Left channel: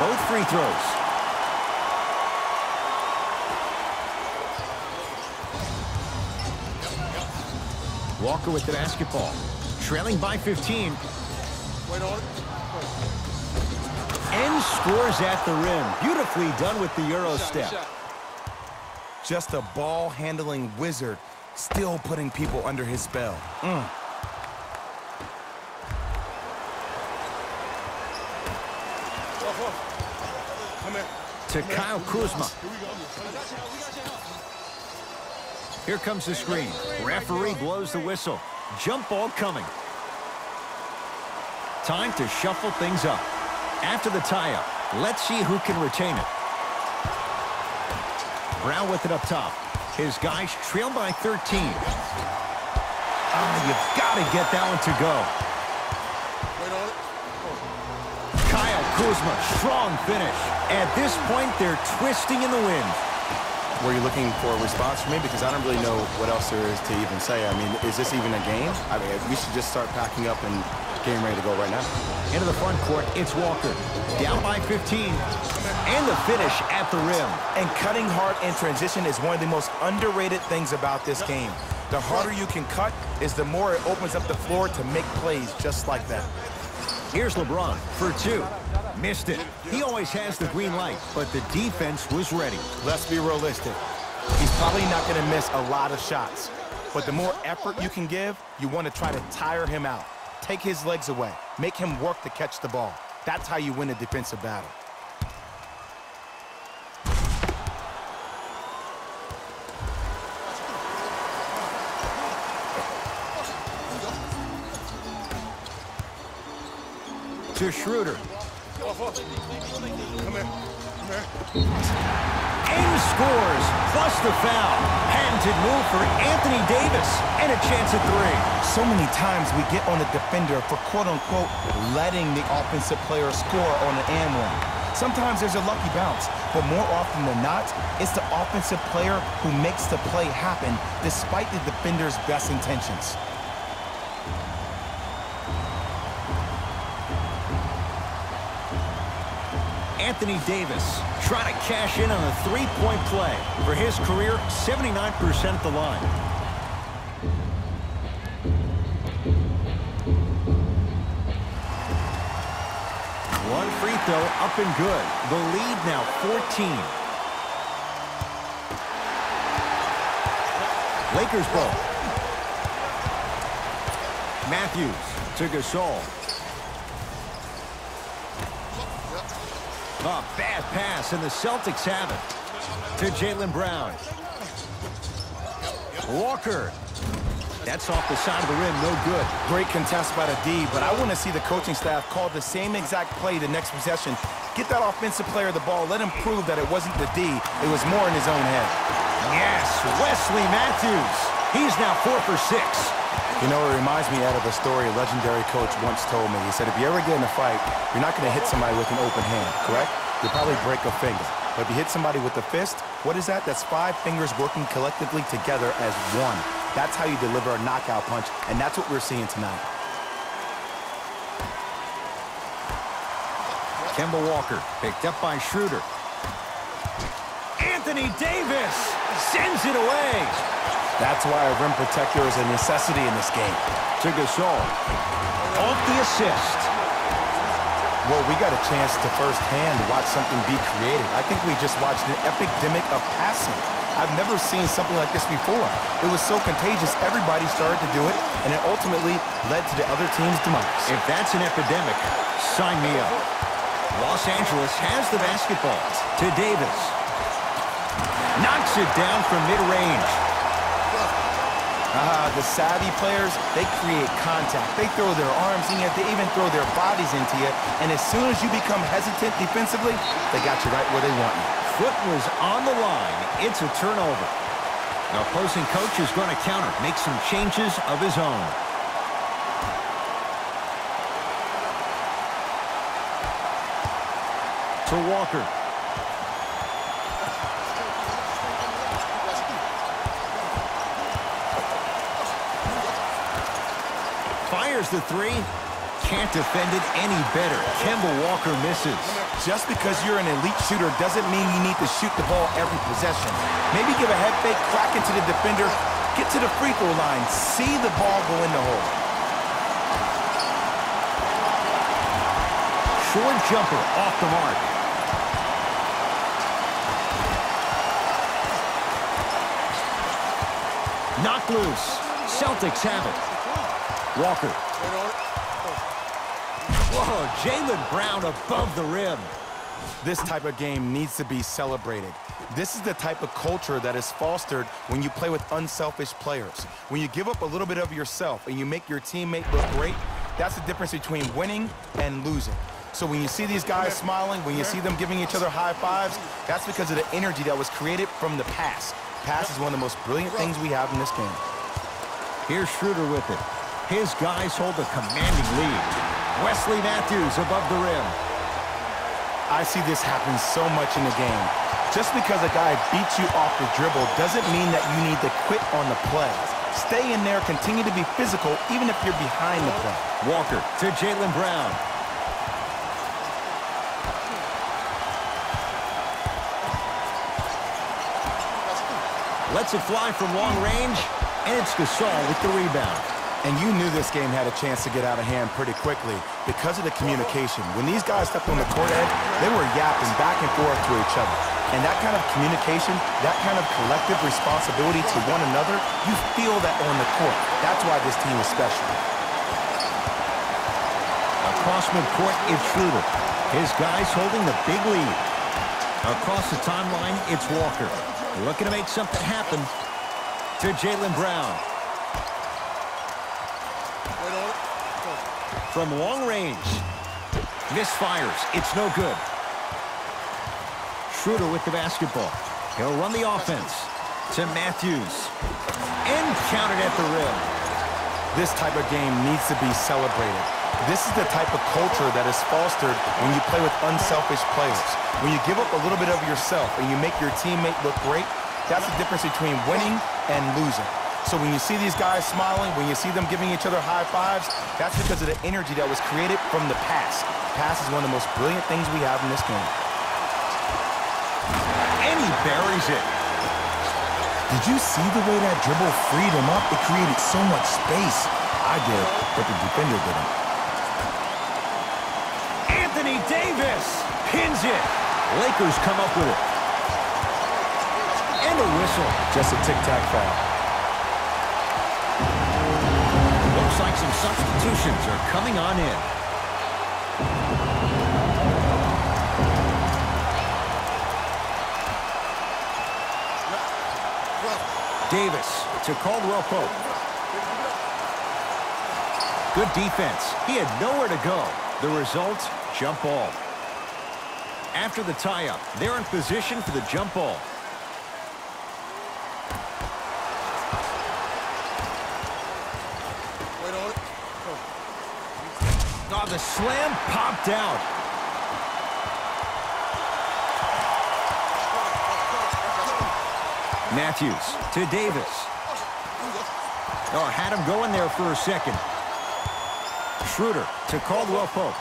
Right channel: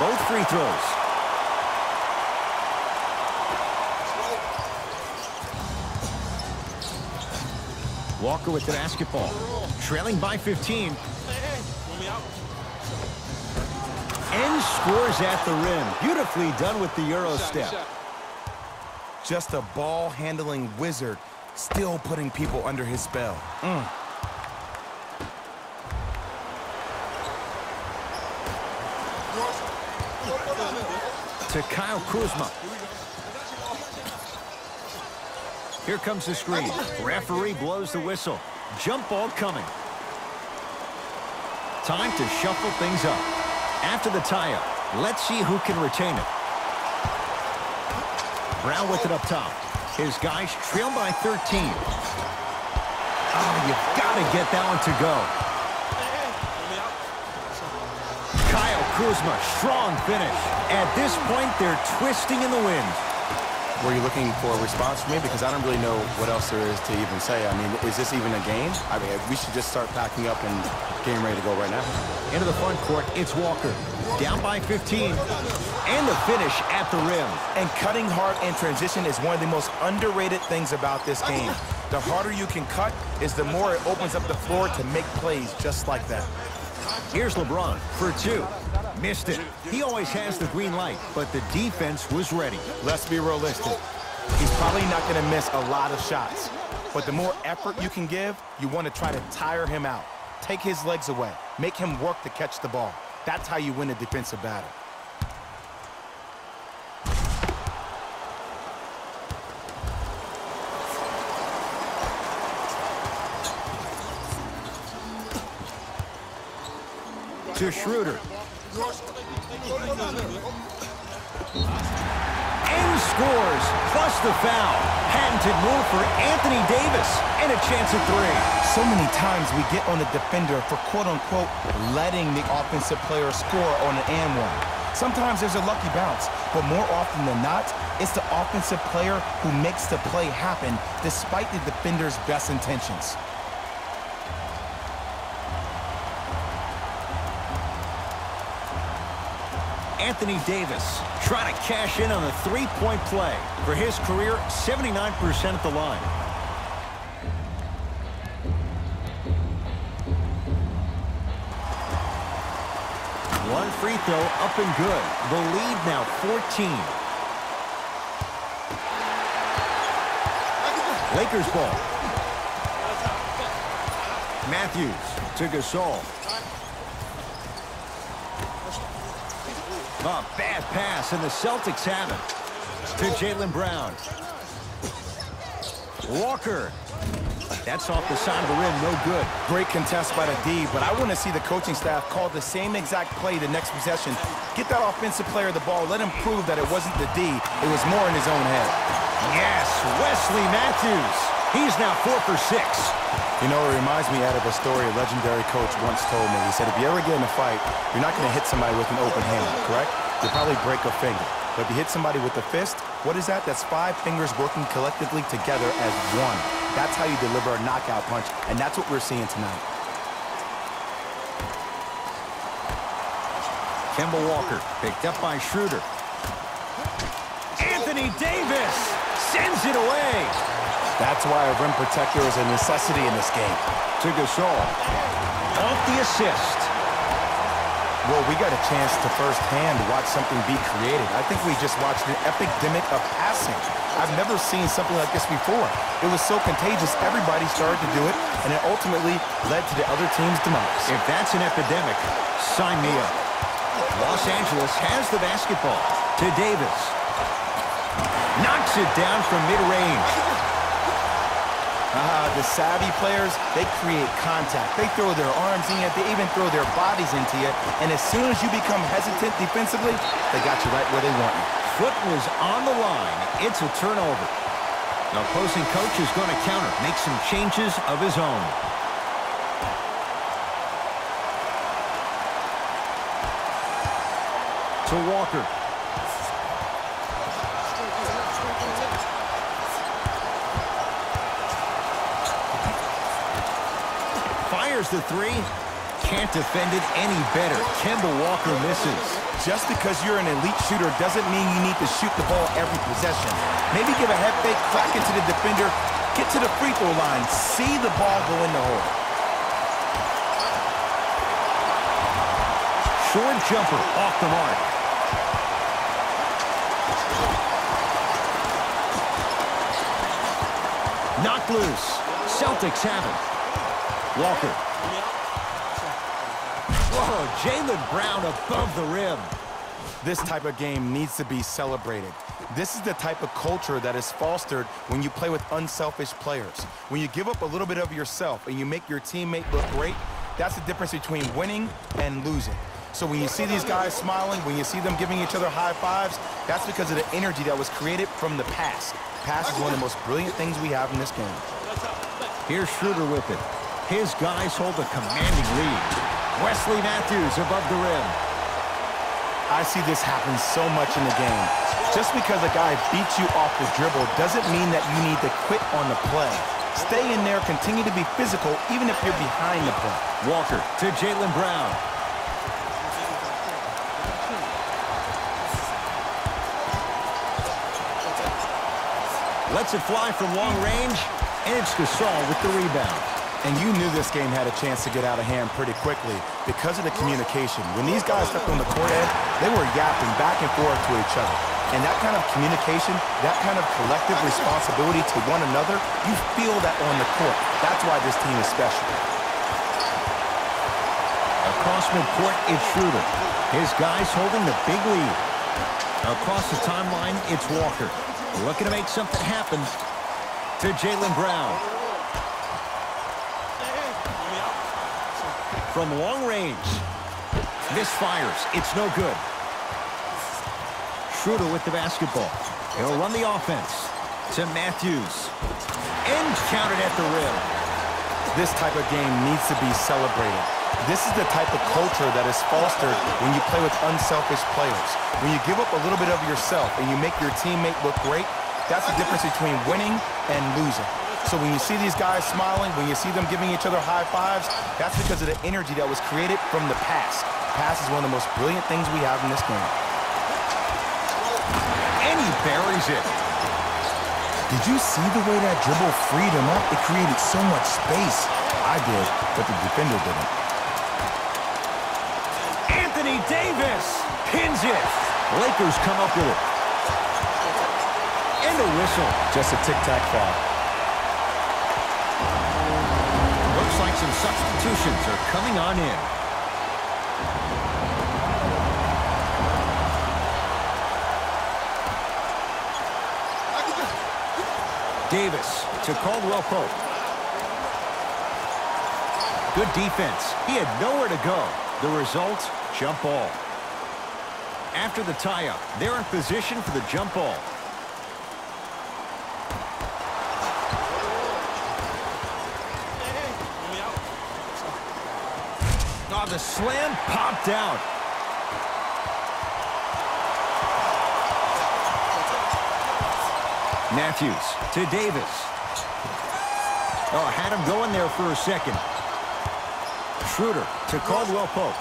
both free throws. Walker with the basketball. Trailing by 15. And scores at the rim. Beautifully done with the Euro step. Just a ball-handling wizard, still putting people under his spell. To Kyle Kuzma. Here comes the screen. Referee blows the whistle. Jump ball coming. Time to shuffle things up. After the tie-up, let's see who can retain it. Brown with it up top. His guys trail by 13. You've got to get that one to go. Kyle Kuzma, strong finish. At this point, they're twisting in the wind. Were you looking for a response from me? Because I don't really know what else there is to even say. I mean, is this even a game? I mean, we should just start packing up and getting ready to go right now. Into the front court, it's Walker. Down by 15. And the finish at the rim. And cutting hard in transition is one of the most underrated things about this game. The harder you can cut is the more it opens up the floor to make plays just like that. Here's LeBron for two. Missed it. He always has the green light, but the defense was ready. Let's be realistic. He's probably not going to miss a lot of shots. But the more effort you can give, you want to try to tire him out. Take his legs away. Make him work to catch the ball. That's how you win a defensive battle. To Schroeder. And scores, plus the foul. Patented move for Anthony Davis, and a chance at three. So many times we get on the defender for quote-unquote letting the offensive player score on an and one. Sometimes there's a lucky bounce, but more often than not, it's the offensive player who makes the play happen despite the defender's best intentions. Anthony Davis trying to cash in on the three-point play. For his career, 79% at the line. One free throw up and good. The lead now 14. Lakers ball. Matthews to Gasol. A bad pass, and the Celtics have it. To Jaylen Brown. Walker. That's off the side of the rim, no good. Great contest by the D, but I want to see the coaching staff call the same exact play the next possession. Get that offensive player the ball. Let him prove that it wasn't the D. It was more in his own head. Yes, Wesley Matthews. He's now 4 for 6. You know, it reminds me out of a story a legendary coach once told me. He said, if you ever get in a fight, you're not going to hit somebody with an open hand, correct? You'll probably break a finger. But if you hit somebody with a fist, what is that? That's 5 fingers working collectively together as one. That's how you deliver a knockout punch, and that's what we're seeing tonight. Kemba Walker picked up by Schroeder. Anthony Davis sends it away. That's why a rim protector is a necessity in this game. To Gasol. Off the assist. Well, we got a chance to firsthand watch something be created. I think we just watched an epidemic of passing. I've never seen something like this before. It was so contagious, everybody started to do it, and it ultimately led to the other team's demise. If that's an epidemic, sign me up. Los Angeles has the basketball. To Davis. Knocks it down from mid-range. The savvy players, they create contact. They throw their arms in you. They even throw their bodies into you. And as soon as you become hesitant defensively, they got you right where they want you. Foot was on the line. It's a turnover. The opposing coach is going to counter, make some changes of his own. To Walker. Fires the three. Can't defend it any better. Kemba Walker misses. Just because you're an elite shooter doesn't mean you need to shoot the ball every possession. Maybe give a head fake, crack into the defender, get to the free throw line, see the ball go in the hole. Short jumper off the mark. Knocked loose. Celtics have it. Walker. Whoa, Jaylen Brown above the rim. This type of game needs to be celebrated. This is the type of culture that is fostered when you play with unselfish players. When you give up a little bit of yourself and you make your teammate look great, that's the difference between winning and losing. So when you see these guys smiling, when you see them giving each other high fives, that's because of the energy that was created from the pass. Pass is one of the most brilliant things we have in this game. Here's Schroeder with it. His guys hold a commanding lead. Wesley Matthews above the rim. I see this happen so much in the game. Just because a guy beats you off the dribble doesn't mean that you need to quit on the play. Stay in there, continue to be physical, even if you're behind the play. Walker to Jaylen Brown. Lets it fly from long range, and it's Gasol with the rebound. And you knew this game had a chance to get out of hand pretty quickly because of the communication. When these guys stepped on the court edge, they were yapping back and forth to each other. And that kind of communication, that kind of collective responsibility to one another, you feel that on the court. That's why this team is special. Across midcourt, it's Schroeder. His guys holding the big lead. Across the timeline, it's Walker. Looking to make something happen to Jaylen Brown. From long range. Misfires. It's no good. Schroeder with the basketball. He'll run the offense to Matthews. And counted at the rim. This type of game needs to be celebrated. This is the type of culture that is fostered when you play with unselfish players. When you give up a little bit of yourself and you make your teammate look great, that's the difference between winning and losing. So when you see these guys smiling, when you see them giving each other high fives, that's because of the energy that was created from the pass. Pass is one of the most brilliant things we have in this game. And he buries it. Did you see the way that dribble freed him up? It created so much space. I did, but the defender didn't. Anthony Davis pins it. Lakers come up with it. And a whistle. Just a tic-tac foul. Looks like some substitutions are coming on in. Davis to Caldwell Pope. Good defense. He had nowhere to go. The result, jump ball. After the tie-up, they're in position for the jump ball. Oh, the slam popped out. Matthews to Davis. Oh, had him going there for a second. Schroeder to Caldwell Pope.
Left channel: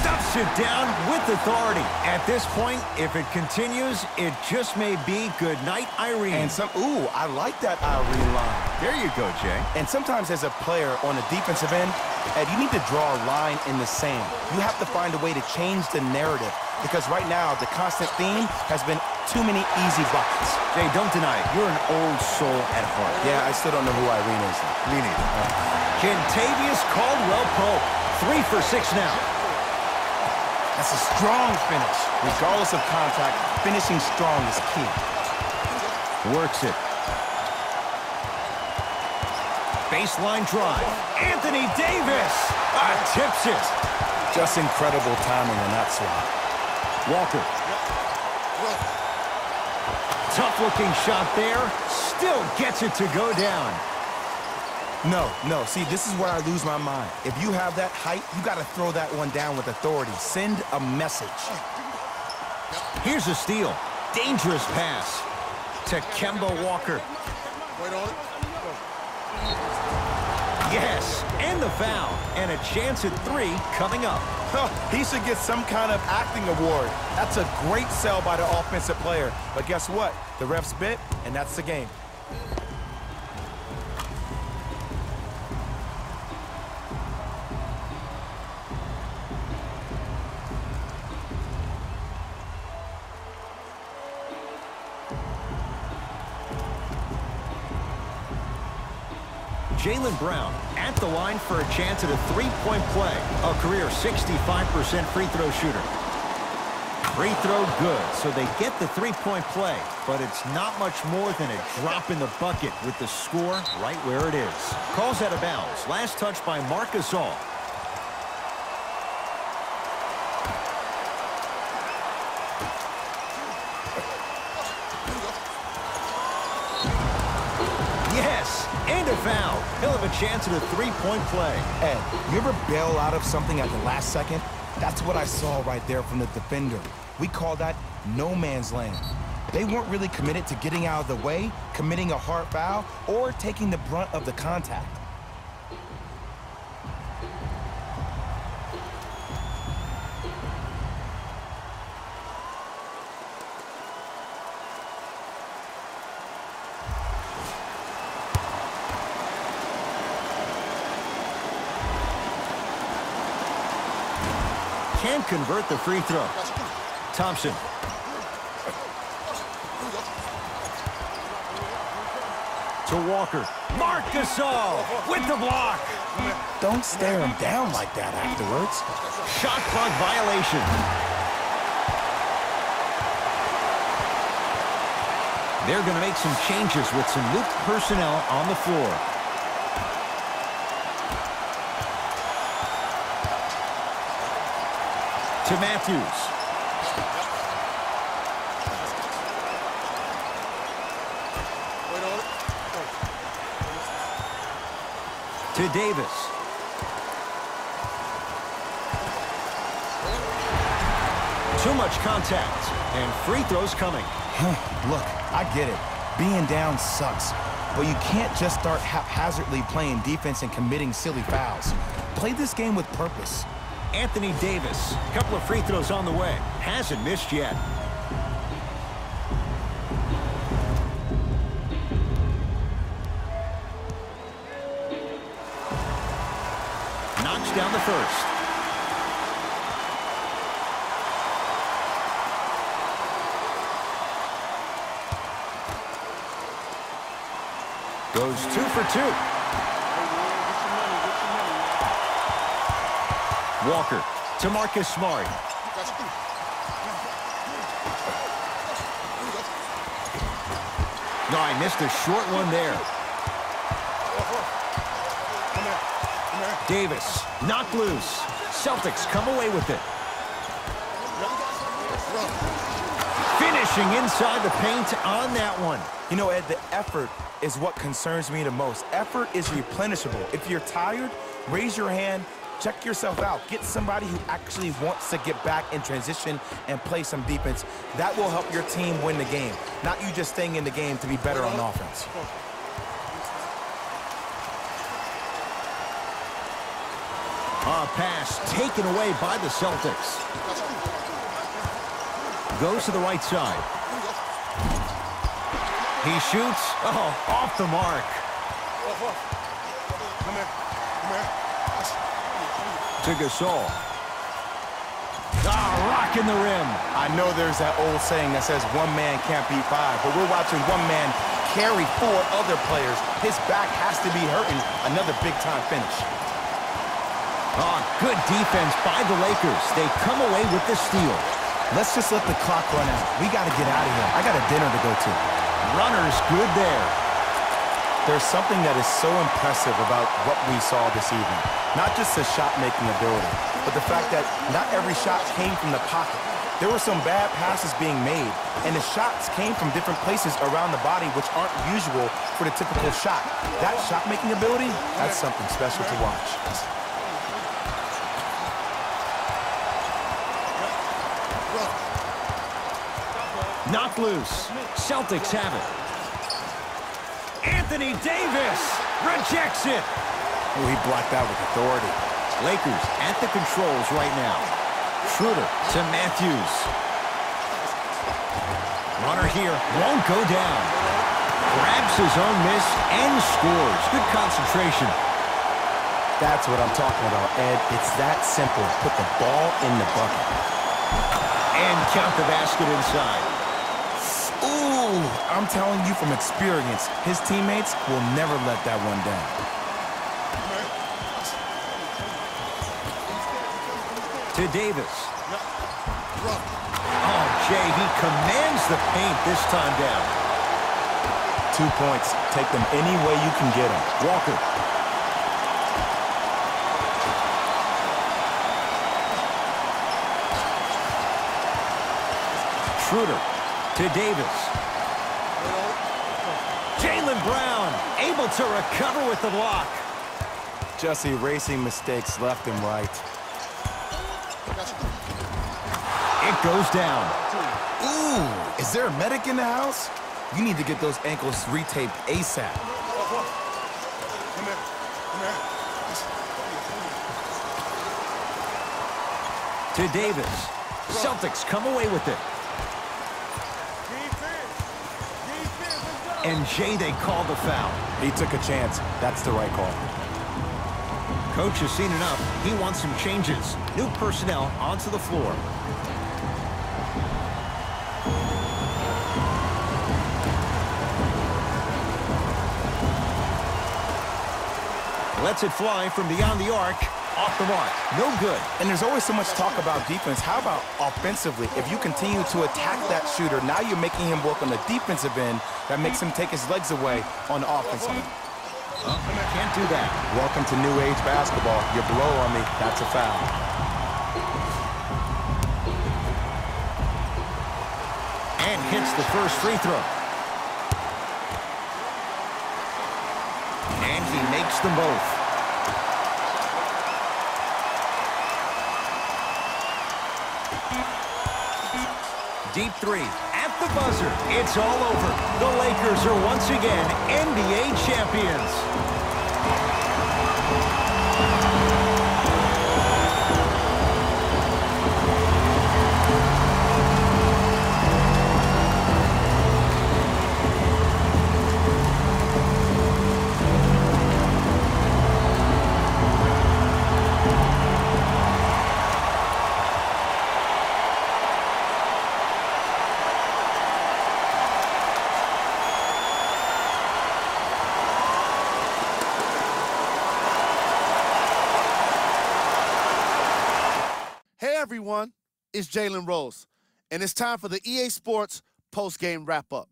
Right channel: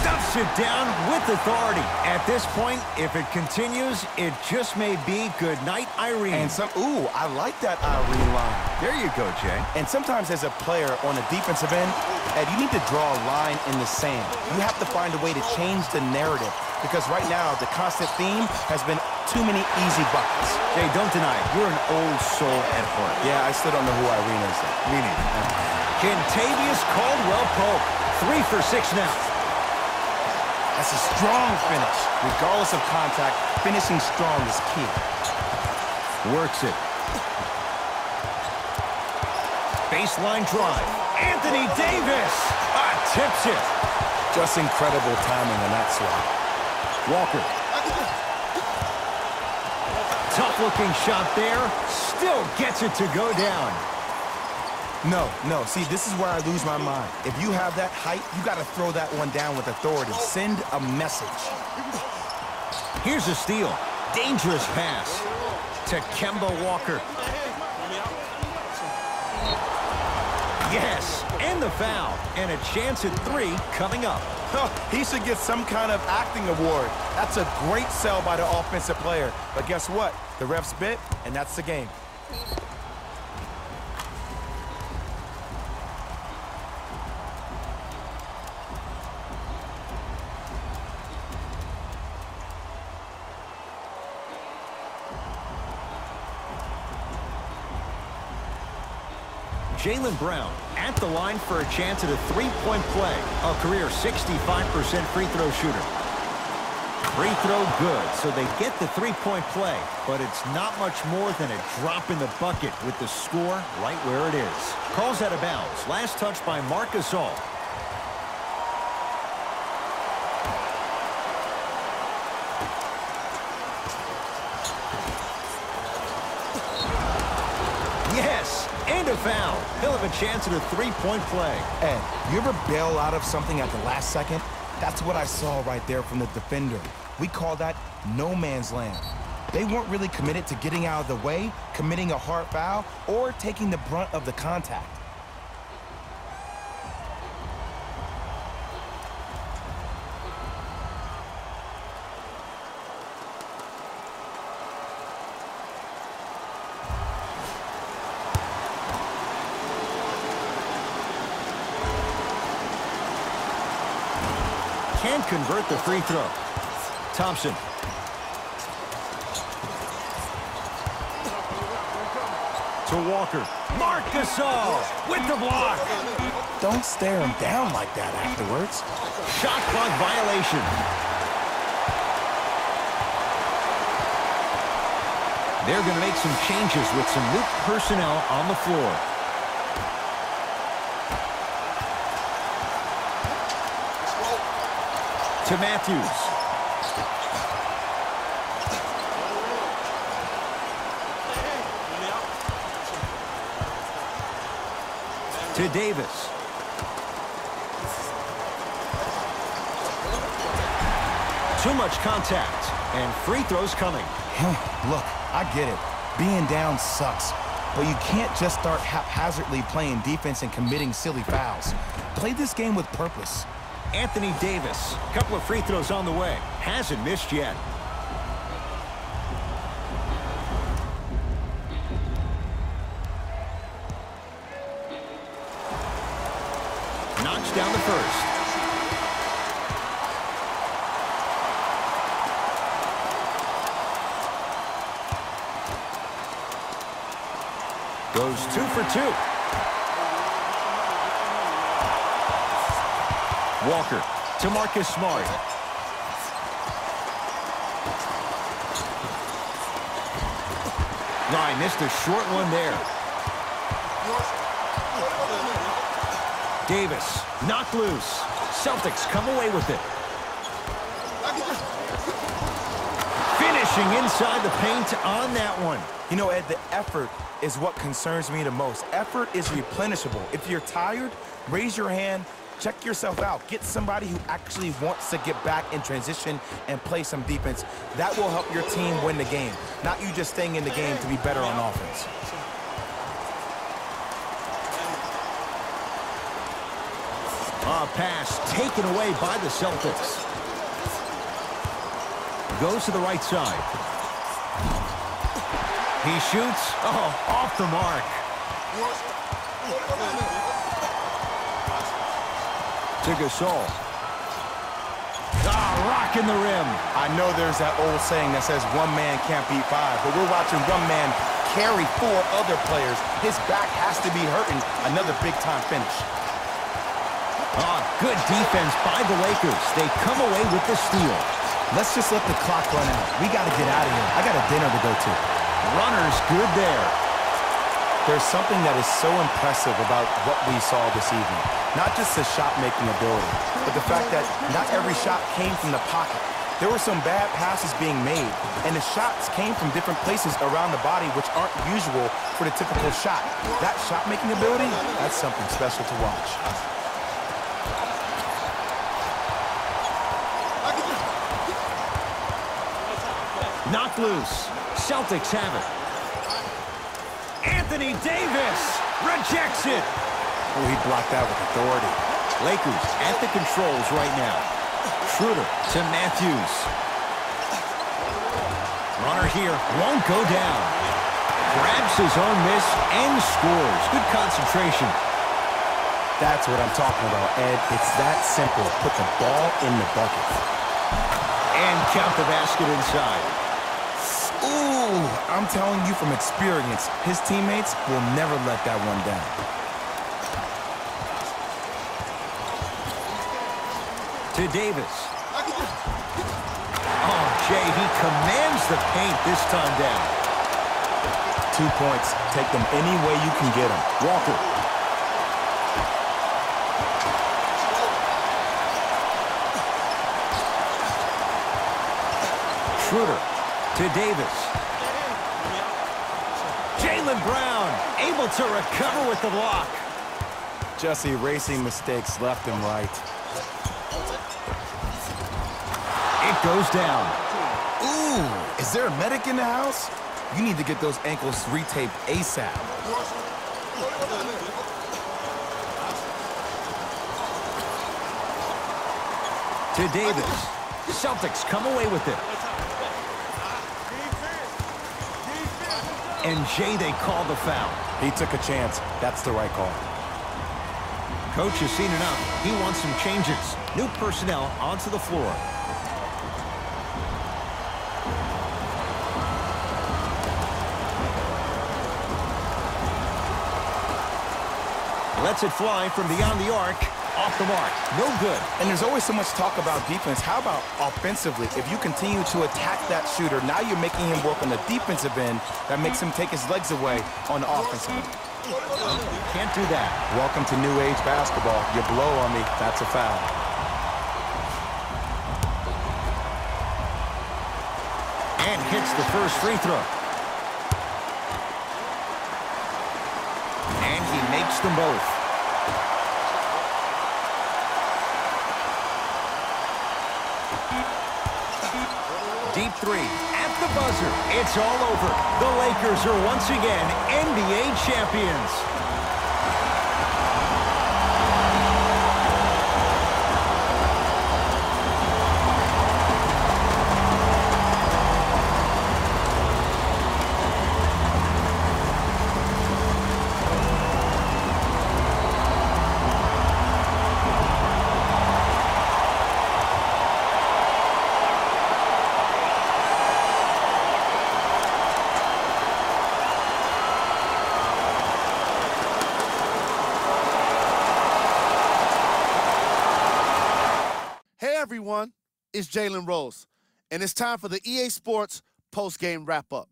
Stuffs it down with authority. At this point, if it continues, it just may be good night, Irene. And ooh, I like that Irene line. There you go, Jay. And sometimes as a player on the defensive end, Ed, you need to draw a line in the sand. You have to find a way to change the narrative. Because right now, the constant theme has been too many easy buckets. Jay, don't deny it. You're an old soul at heart. Yeah, I still don't know who Irene is, though. Me neither. Kentavious Caldwell Pope. 3 for 6 now. That's a strong finish. Regardless of contact, finishing strong is key. Works it. Baseline drive. Anthony Davis. Tips it. Just incredible timing on that swap. Walker. Tough-looking shot there. Still gets it to go down. No. See, this is where I lose my mind. If you have that height, you got to throw that one down with authority. Send a message. Here's a steal. Dangerous pass to Kemba Walker. Yes, and the foul. And a chance at 3 coming up. He should get some kind of acting award. That's a great sell by the offensive player. But guess what? The refs bit, and that's the game. Jaylen Brown at the line for a chance at a 3-point play. A career 65% free throw shooter. Free throw good, so they get the 3-point play. But it's not much more than a drop in the bucket with the score right where it is. Calls out of bounds. Last touch by Marc Gasol. Yes, and a foul. He'll have a chance at a 3-point play. Ed, you ever bail out of something at the last second? That's what I saw right there from the defender. We call that no man's land. They weren't really committed to getting out of the way, committing a hard foul, or taking the brunt of the contact. Can convert the free throw. Thompson. To Walker. Marc Gasol with the block. Don't stare him down like that afterwards. Shot clock violation. They're going to make some changes with some new personnel on the floor. To Matthews. To Davis. Too much contact, and free throws coming. Look, I get it. Being down sucks. But you can't just start haphazardly playing defense and committing silly fouls. Play this game with purpose. Anthony Davis, couple of free throws on the way. Hasn't missed yet. Knocks down the first. Goes 2 for 2. Walker to Marcus Smart. No, I missed a short one there. Davis knocked loose. Celtics come away with it. Finishing inside the paint on that one. You know, Ed, the effort is what concerns me the most. Effort is replenishable. If you're tired, raise your hand. Check yourself out. Get somebody who actually wants to get back in transition and play some defense. That will help your team win the game, not you just staying in the game to be better on offense. A pass taken away by the Celtics. Goes to the right side. He shoots. Oh, off the mark. To Gasol. Rocking the rim. I know there's that old saying that says one man can't beat five, but we're watching one man carry 4 other players. His back has to be hurting. Another big-time finish. Good defense by the Lakers. They come away with the steal. Let's just let the clock run out. We got to get out of here. I got a dinner to go to. Runner's good there. There's something that is so impressive about what we saw this evening. Not just the shot-making ability, but the fact that not every shot came from the pocket. There were some bad passes being made, and the shots came from different places around the body, which aren't usual for the typical shot. That shot-making ability, that's something special to watch. Knocked loose. Celtics have it. Anthony Davis rejects it. Oh, he blocked that with authority. Lakers at the controls right now. Schroeder to Matthews. Runner here, won't go down. Grabs his own miss and scores. Good concentration. That's what I'm talking about, Ed. It's that simple. Put the ball in the bucket. And count the basket inside. Ooh, I'm telling you from experience, his teammates will never let that one down. To Davis. Oh, Jay, he commands the paint this time down. 2 points. Take them any way you can get them. Walker. Schroeder to Davis. Jaylen Brown able to recover with the block. Just erasing mistakes left and right. It goes down. Ooh, is there a medic in the house? You need to get those ankles retaped ASAP. To Davis. Celtics come away with it. And Jay, they call the foul. He took a chance. That's the right call. Coach has seen enough. He wants some changes. New personnel onto the floor. Lets it fly from beyond the arc. Off the mark. No good. And there's always so much talk about defense. How about offensively? If you continue to attack that shooter, now you're making him work on the defensive end. That makes him take his legs away on the offensive end. Oh, you can't do that. Welcome to new age basketball. You blow on me, that's a foul. And hits the first free throw. And he makes them both. Deep three at the buzzer. It's all over. The Lakers are once again NBA champions. Hey everyone, it's Jalen Rose, and it's time for the EA Sports post-game wrap-up.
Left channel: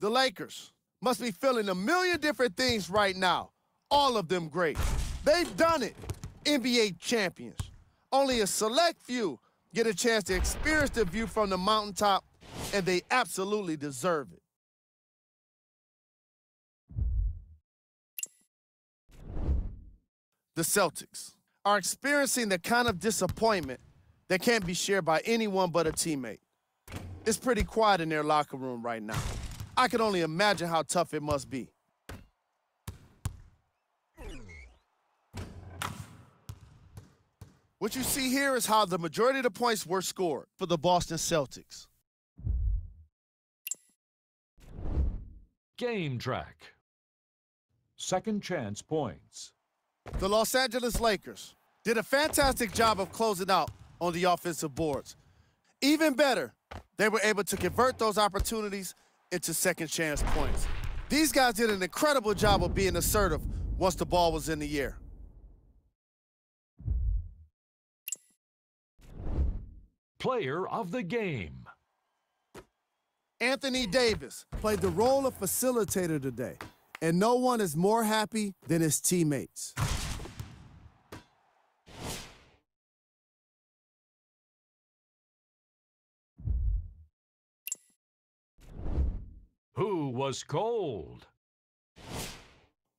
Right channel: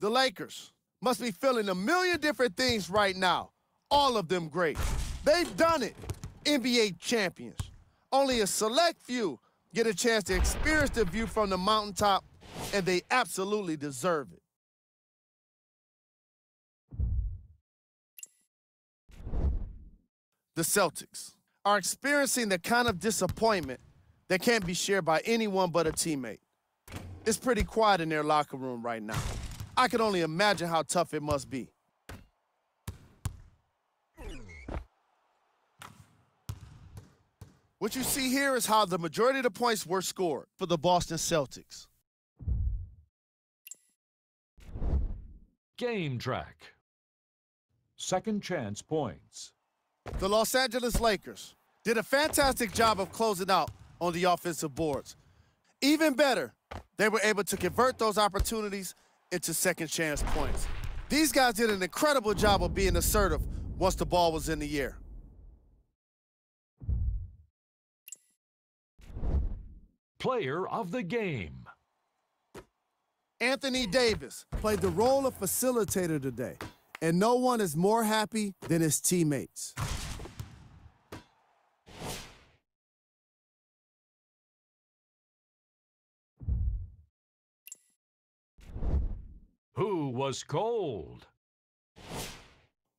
The Lakers must be feeling a million different things right now, all of them great. They've done it, NBA champions. Only a select few get a chance to experience the view from the mountaintop, and they absolutely deserve it. The Celtics are experiencing the kind of disappointment that can't be shared by anyone but a teammate. It's pretty quiet in their locker room right now. I can only imagine how tough it must be. What you see here is how the majority of the points were scored for the Boston Celtics. Game track. Second chance points. The Los Angeles Lakers did a fantastic job of closing out on the offensive boards. Even better, they were able to convert those opportunities into second chance points. These guys did an incredible job of being assertive once the ball was in the air. Player of the game. Anthony Davis played the role of facilitator today, and no one is more happy than his teammates. Who was cold?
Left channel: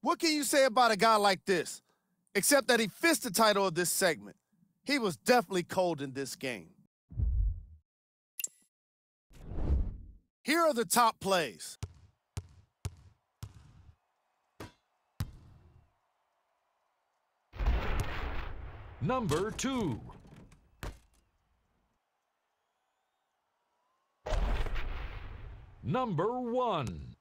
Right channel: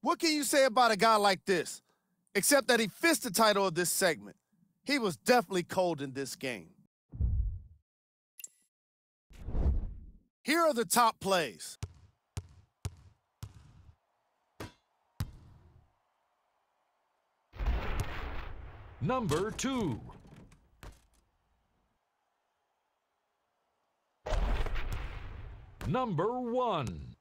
What can you say about a guy like this, except that he fits the title of this segment? He was definitely cold in this game. Here are the top plays. Number 2. Number 1.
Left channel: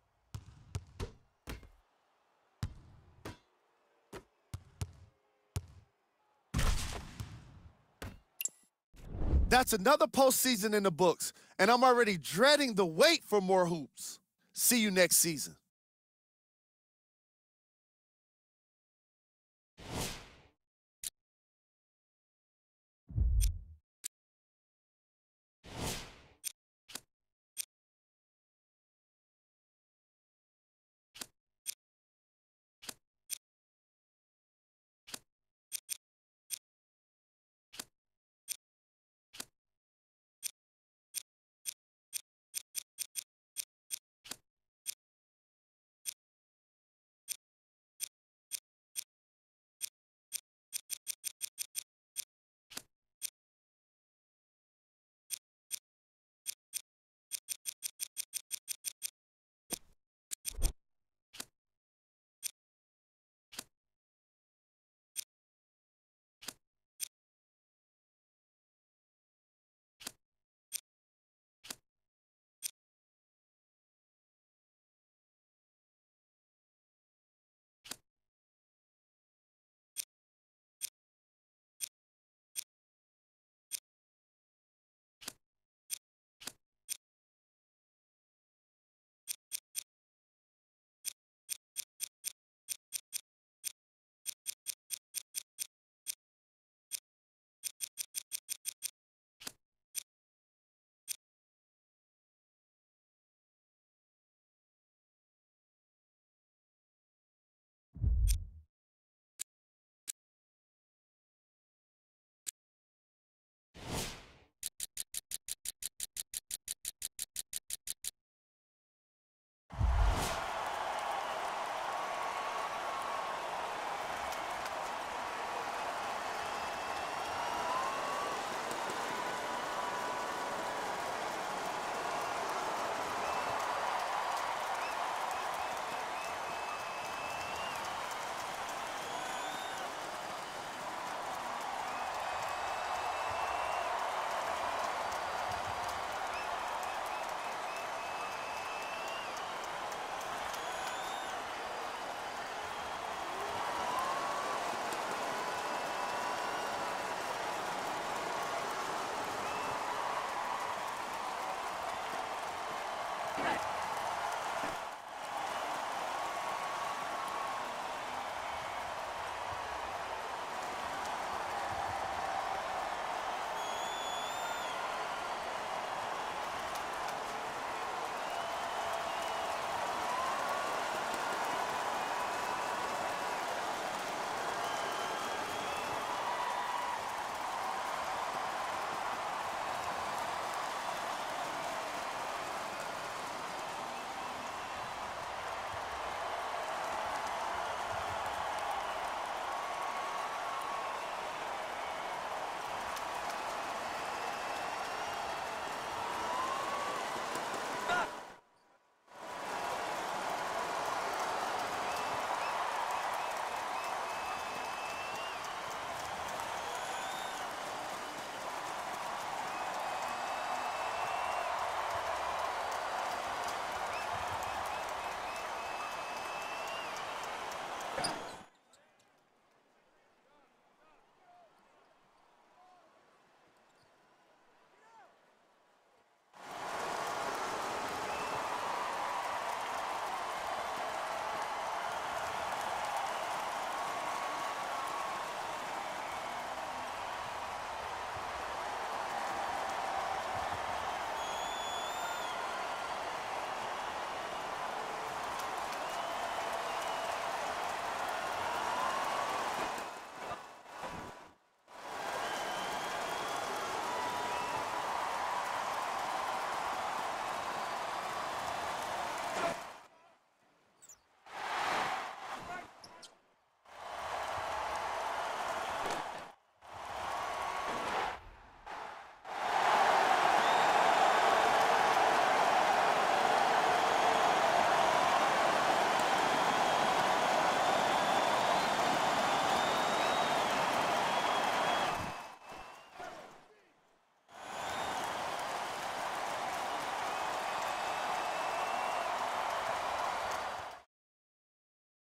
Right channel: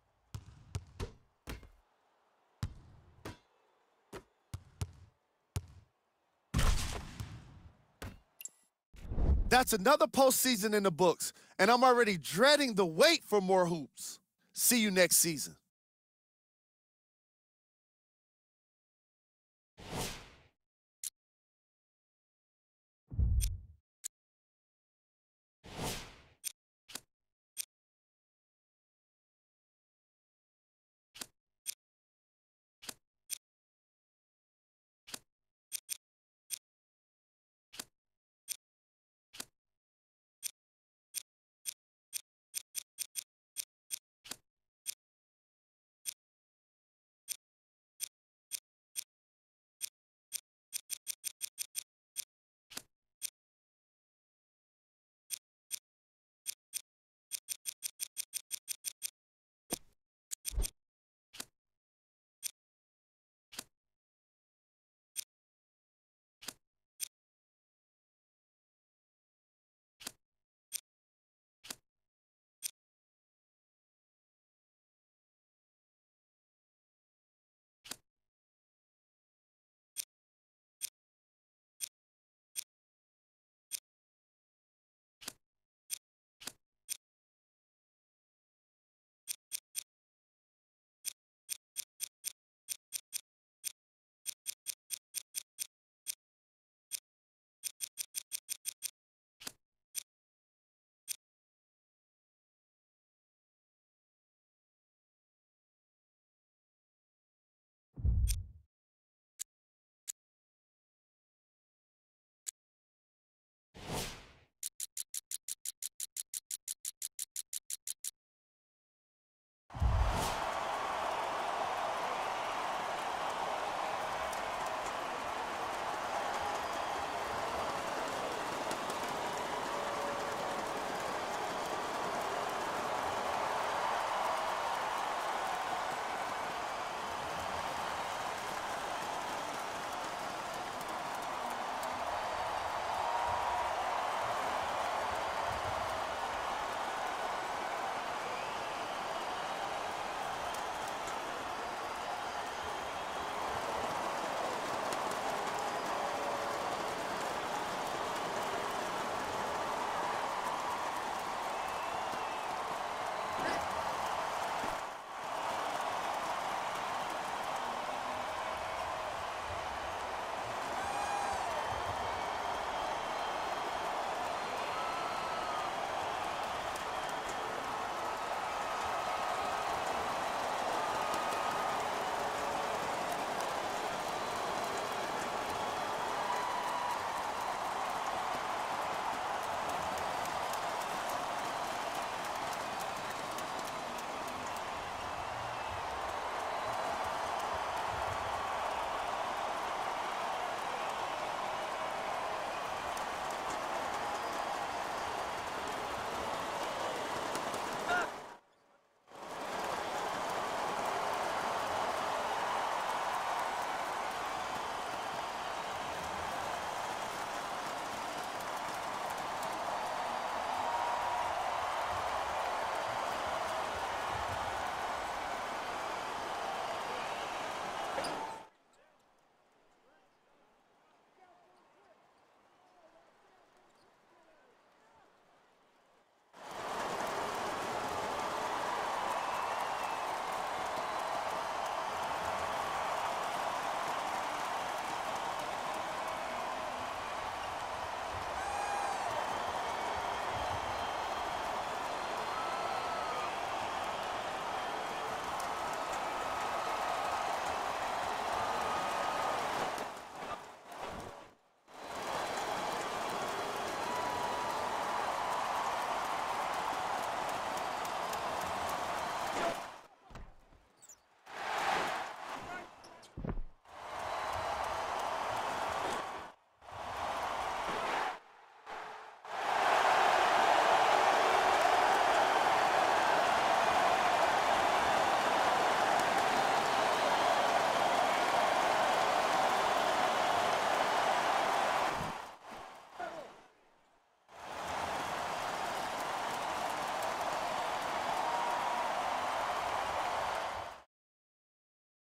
That's another postseason in the books, and I'm already dreading the wait for more hoops. See you next season.